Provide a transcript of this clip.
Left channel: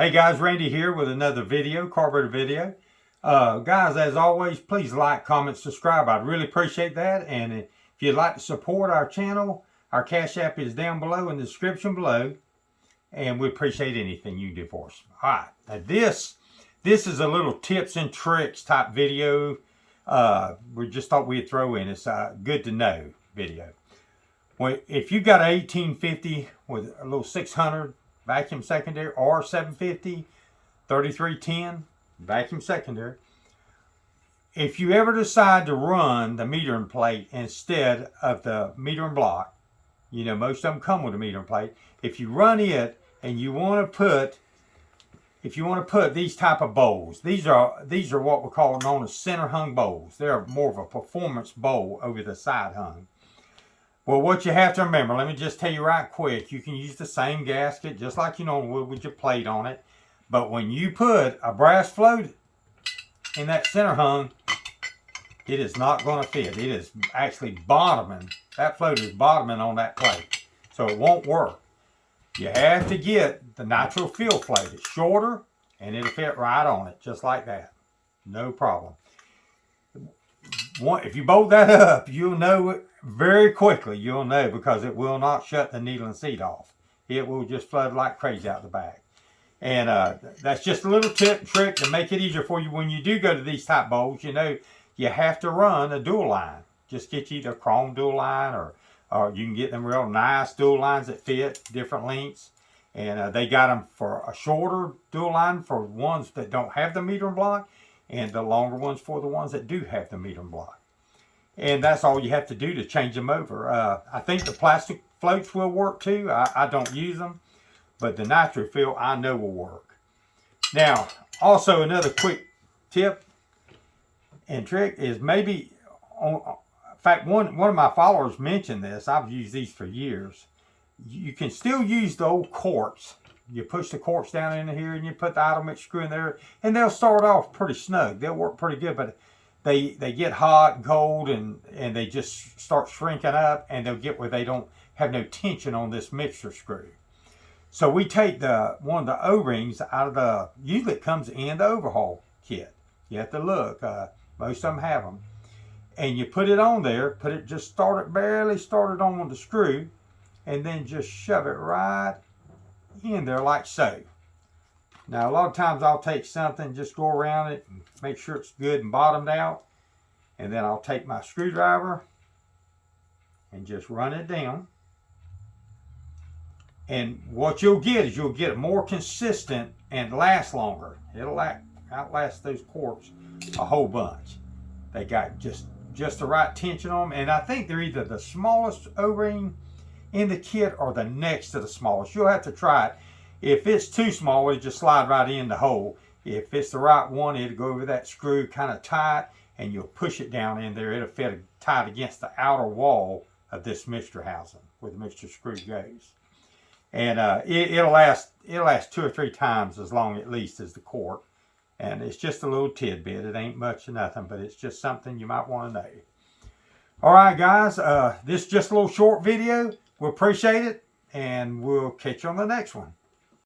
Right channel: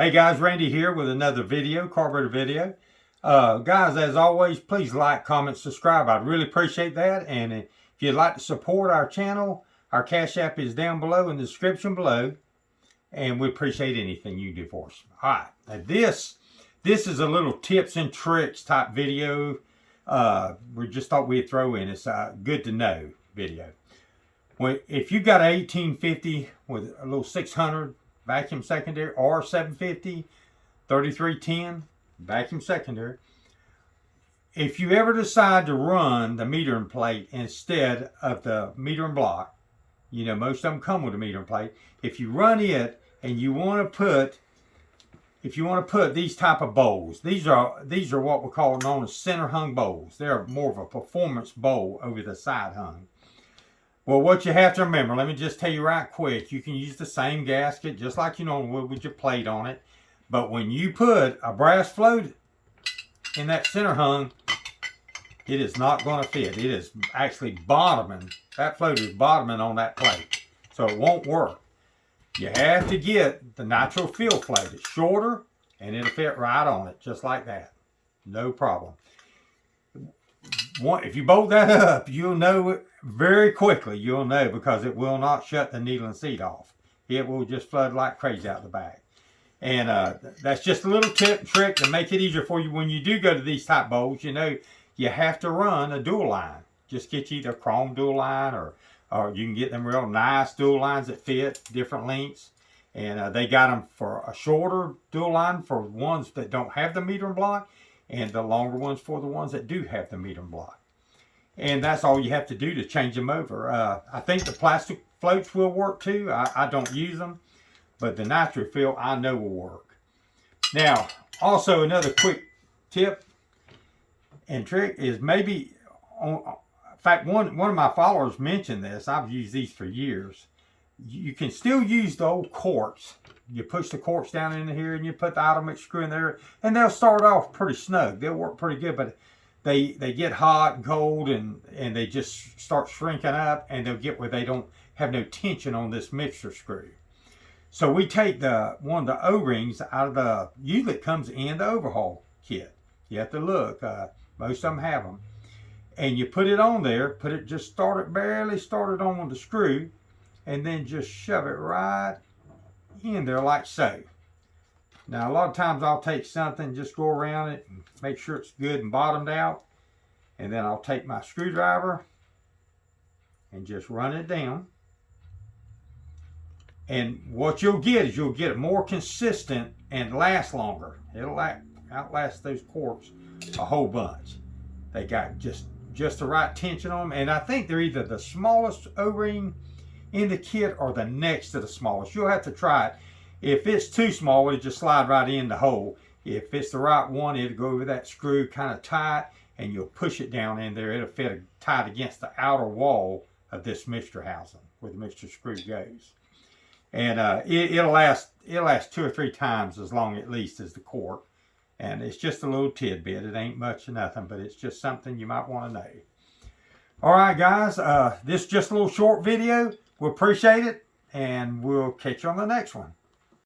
Hey guys, Randy here with another video, carburetor video. Guys, as always, please like, comment, subscribe. I'd really appreciate that. And if you'd like to support our channel, our Cash App is down below in the description below. And we appreciate anything you do for us. All right, now this is a little tips and tricks type video. We just thought we'd throw in. It's a good to know video. If you got an 1850 with a little 600 vacuum secondary or 750 3310 vacuum secondary, if you ever decide to run the metering plate instead of the metering block, you know most of them come with a metering plate. If you run it and you want to put these type of bowls, these are what we call known as center hung bowls. They're more of a performance bowl over the side hung. Well, what you have to remember, let me just tell you right quick, you can use the same gasket just like you normally would with your plate on it. But when you put a brass float in that center hung, it is not going to fit. It is actually bottoming. That float is bottoming on that plate. So it won't work. You have to get the nitro fill float. It's shorter and it'll fit right on it, just like that. No problem. If you bolt that up, you'll know it very quickly. You'll know because it will not shut the needle and seat off. It will just flood like crazy out the back. And that's just a little tip and trick to make it easier for you when you do go to these type bowls. You know, you have to run a dual line. Just get you either a chrome dual line or you can get them real nice dual lines that fit different lengths. And they got them for a shorter dual line for ones that don't have the metering block, and the longer ones for the ones that do have the metering block. And that's all you have to do to change them over. I think the plastic floats will work too. I don't use them, but the nitro fill I know will work. Now, also another quick tip and trick is maybe, in fact, one of my followers mentioned this. I've used these for years. You can still use the old quartz. You push the quartz down into here and you put the idle mix screw in there, and they'll start off pretty snug. They'll work pretty good, but they get hot and cold and they just start shrinking up, and they'll get where they don't have no tension on this mixer screw. So we take one of the O-rings out of the, usually it comes in the overhaul kit. You have to look, most of them have them. And you put it on there, barely start it on with the screw, and then just shove it right in there like so. Now a lot of times I'll take something, just go around it and make sure it's good and bottomed out, and then I'll take my screwdriver and just run it down. And what you'll get is you'll get it more consistent and last longer. It'll outlast those quartz a whole bunch. They got just the right tension on them, and I think they're either the smallest O-ring in the kit or the next to the smallest. You'll have to try it. If it's too small, it'll just slide right in the hole. If it's the right one, it'll go over that screw kind of tight, and you'll push it down in there. It'll fit tight against the outer wall of this mixture housing where the mixture screw goes. And it'll last 2 or 3 times as long at least as the quart. And it's just a little tidbit. It ain't much of nothing, but it's just something you might want to know. All right, guys, this is just a little short video. We appreciate it, and we'll catch you on the next one.